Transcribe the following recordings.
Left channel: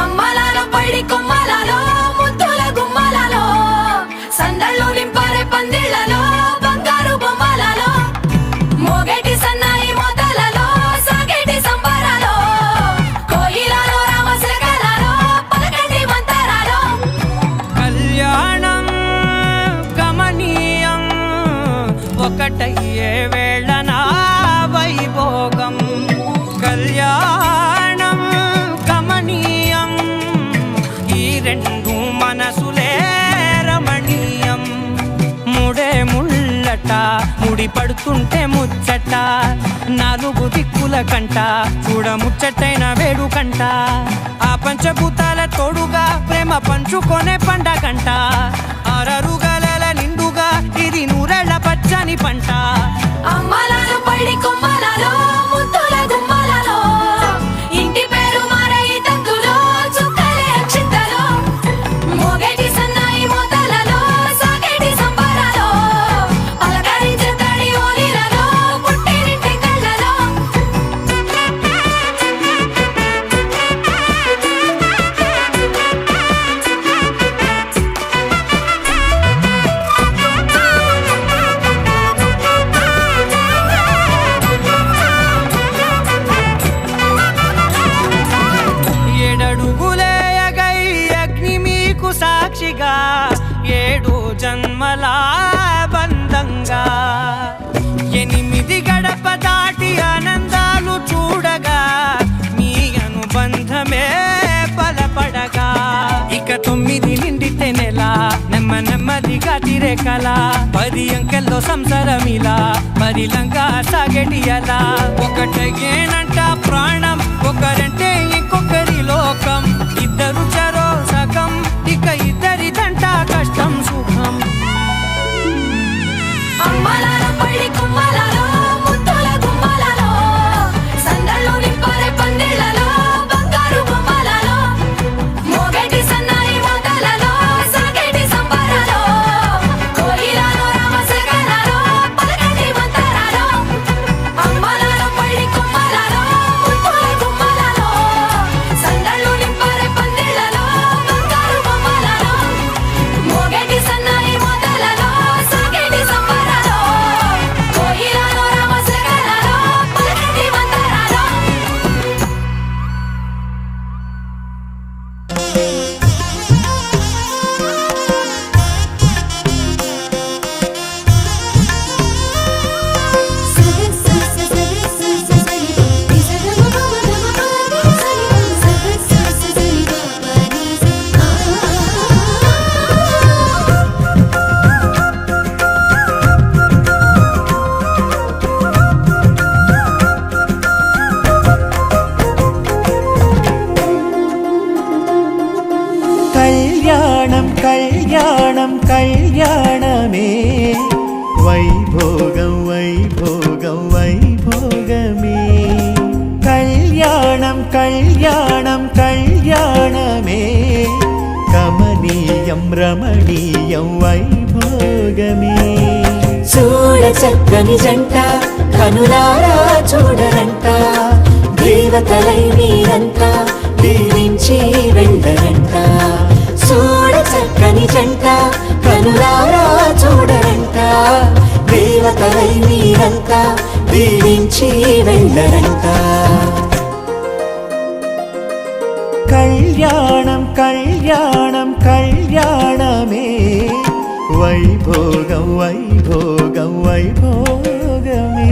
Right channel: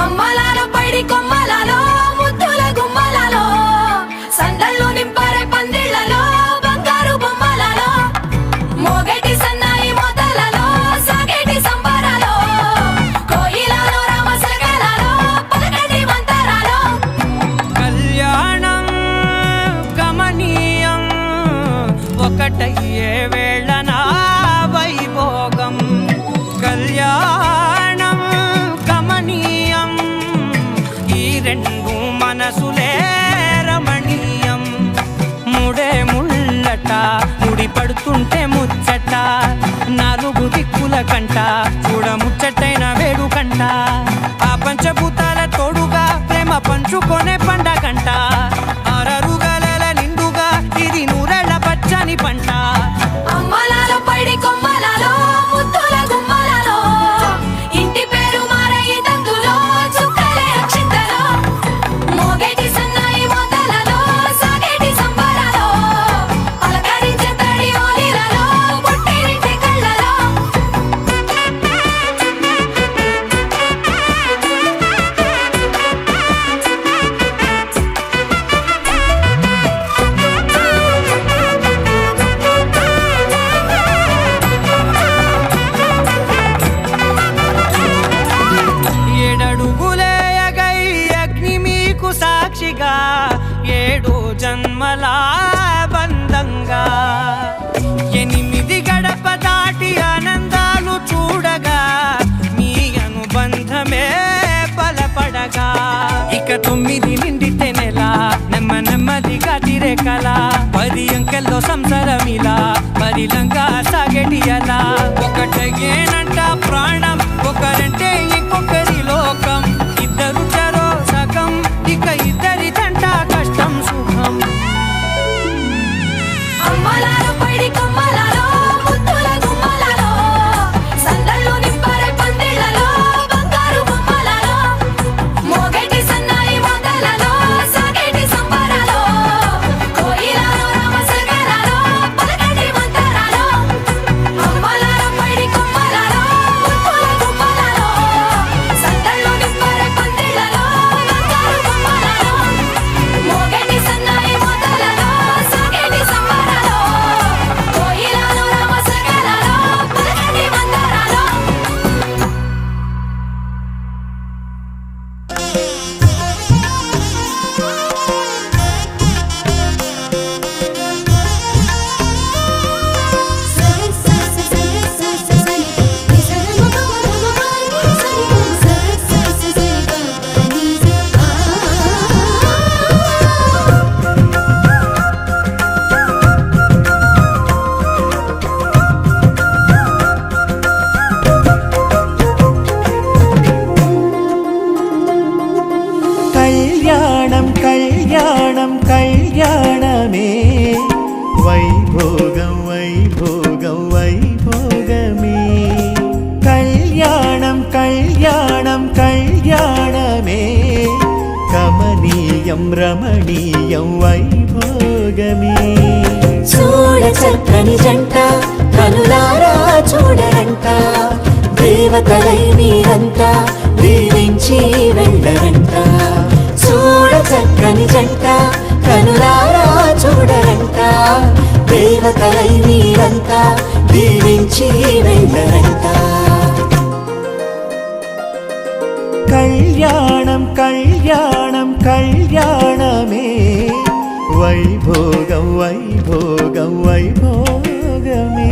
అమ్మలాలో పైడి కొమ్మలలో ముద్దుల గుమ్మలలో సందళ్ళు నింపారే పందిళ్లలో బంగారు బొమ్మలలో మోగేటి సన్నాయి మోతలలో సాగేటి సంబరాలో కోయిలలో రామశకలలో పలకటి మంతరాలో కళ్యాణం గమనీయం ఒకటయ్యే వేళన వైభోగం కళ్యాణం గమనీయం ఈ రెండు మనసులే రమణీయం ముడే ముళ్ళట ముడి పడుతుంటే ముచ్చట నాలుగు దిక్కుల కంట చూడ ముచ్చటైన వేడుకంట ఆ పంచభూతాల తోడుగా ప్రేమ పంచుకొనే పండగంట అరరుగల నిండుగా ఇది నూరెళ్ళ పచ్చని పంట అమ్మలాలో పైడి కొమ్మలలో ముద్దుల గుమ్మలలో ఇంటి పేరు మారయి తందులో చుక్కలే అక్షింతలో మోగేటి సన్నాయి మోతలలో సాగేటి సంబరాలో అలకరించే తడి ఓలిలలో పుట్టినింటి కళ్ళలో ఏడడుగులే ఎగై అగ్ని మీకు సాక్షిగా ఏడు జన్మల బంధంగా ఎనిమిది గడప దాటి ఆనందాలు చూడగా మీ అనుబంధమే బలపడగా ఇక 9 నిండితే నెల నెమ్మదిగా తిరే కల 10 అంకెల్లో సంసారమిలా పరిలంగా సాగేటి అలా ఒకటేనంట ప్రాణం ఒకరంటే ఇంకొకరి లోకం ఇద్దరు చరో సగం ఇక ఇద్దరిదంట కష్టం సుఖం అమ్మలాలో పైడి కొమ్మలలో ముద్దుల గుమ్మలలో సందళ్ళు నింపారే పందిళ్లలో బంగారు బొమ్మలలో మోగేటి సన్నాయి మోతలలో సాగేటి సంబరాలో కోయిలలో రామశకలలో పలకటి మంతరాలో అమ్మలాలో పైడి కొమ్మలలో ముద్దుల గుమ్మలలో సందళ్ళు నింపారే పందిళ్లలో బంగారు బొమ్మలలో మోగేటి సన్నాయి మోతలలో సాగేటి సంబరాలో కోయిలలో రామశకలలో పలకటి మంతరాలో కళ్యాణం కళ్యాణం కళ్యాణమే వైభోగం వైభోగం వైభోగమే కళ్యాణం కళ్యాణం కళ్యాణమే కమనీయం రమణీయం వైభోగమే చూడ చక్కని జంట కనులారా చూడరంట దేవతలై మీరంట దీవించి వెళ్ళరంట చూడ చక్కని జంట కనులారా చూడరంట దేవతలై మీరంట దీవించి వెళ్ళరంట కళ్యాణం కళ్యాణం కళ్యాణమే వైభోగం వైభోగం వైభోగమే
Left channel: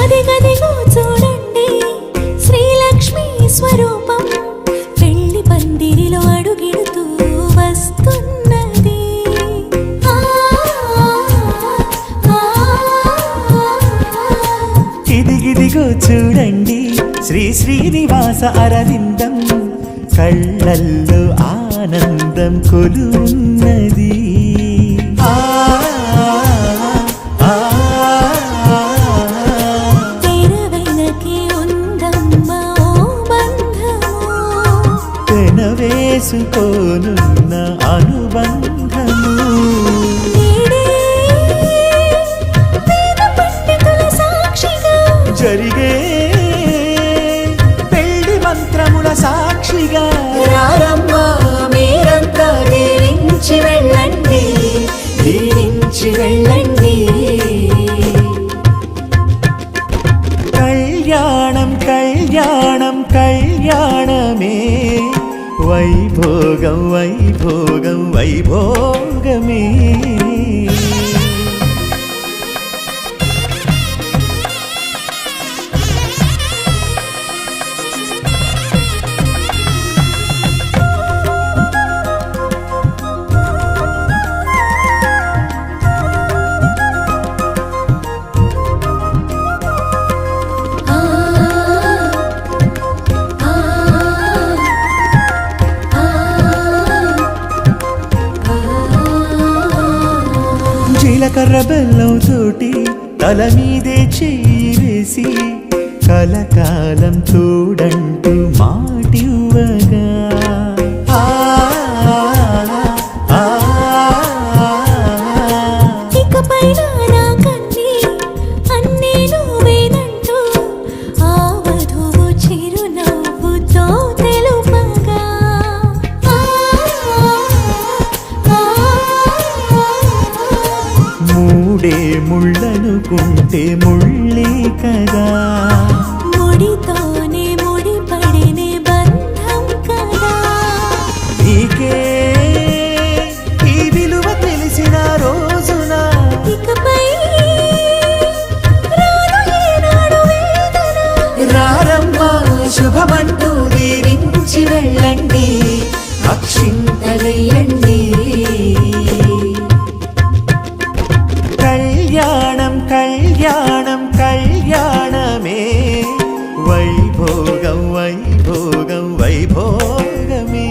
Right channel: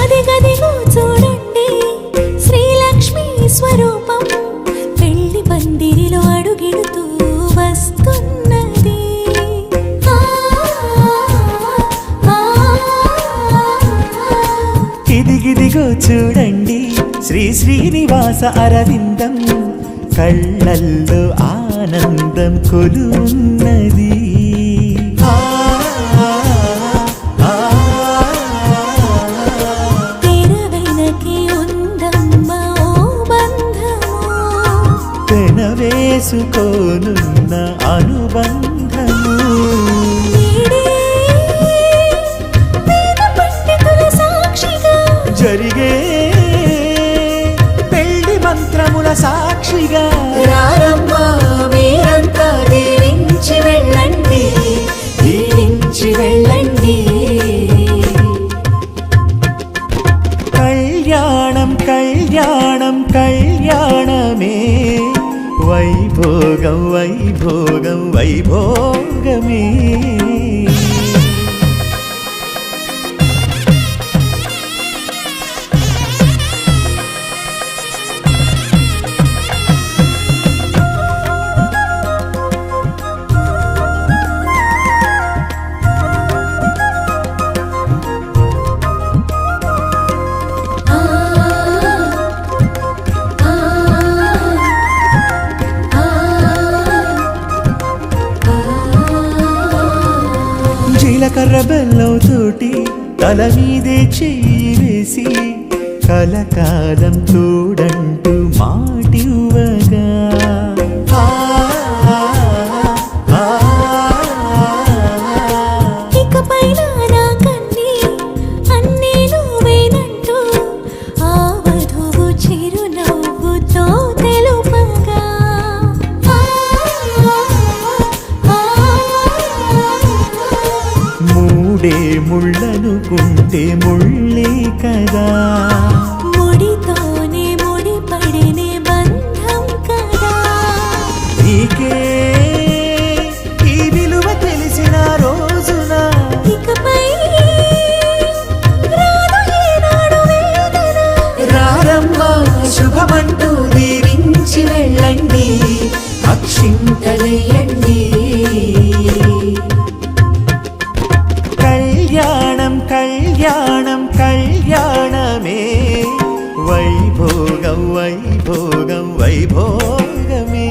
అదిగదిగో చూడండి శ్రీలక్ష్మి స్వరూపం పెళ్లి పందిరిలో అడుగిడుతూ వస్తున్నది ఇదిగిదిగో చూడండి శ్రీ శ్రీనివాస అరవిందం కళ్ళల్లో ఆనందం కొలున్నది తెరవెనకే ఉందమ్మ ఓ బంధము పెనవేసుకోనున్న అనుబంధము నేడే వేద పండితుల సాక్షిగా జరిగే పెళ్లి మంత్రముల సాక్షిగా రారమ్మా మీరంతా దీవించి వెళ్ళండి దీవించి వెళ్ళండి కళ్యాణం కళ్యాణం కళ్యాణమే వైభోగం వైభోగం వైభోగమే జీలకర్ర బెల్లం తోటి తల మీదే చెయ్యి వేసి కలకాలం తోడంటూ మాటివ్వగా ఇకపైన నా కన్నీ అన్నీ నువ్వేనంటూ ఆ వధువు చిరునవ్వుతో తెలుపగా మూడే ముళ్ళనుకుంటే ముళ్ళే కదా ముడితోనే ముడిపడినే బంధం కదా నీకే ఈ విలువ తెలిసిన రోజున ఇకపై రాదు ఏనాడు వేదన రారమ్మ శుభమంటూ దీవించి వెళ్ళండి అక్షింతలయ్యండి కళ్యాణం కళ్యాణం కళ్యాణమే వైభోగం వైభోగం వైభోగమే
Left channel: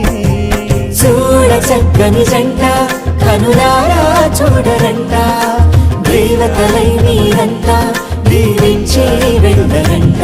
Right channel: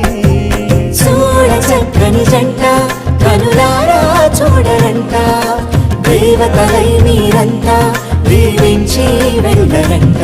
చూడ చక్కని జంట కనులారా చూడరంట దేవతలై మీరంతా దీవించే వెళ్ళరంట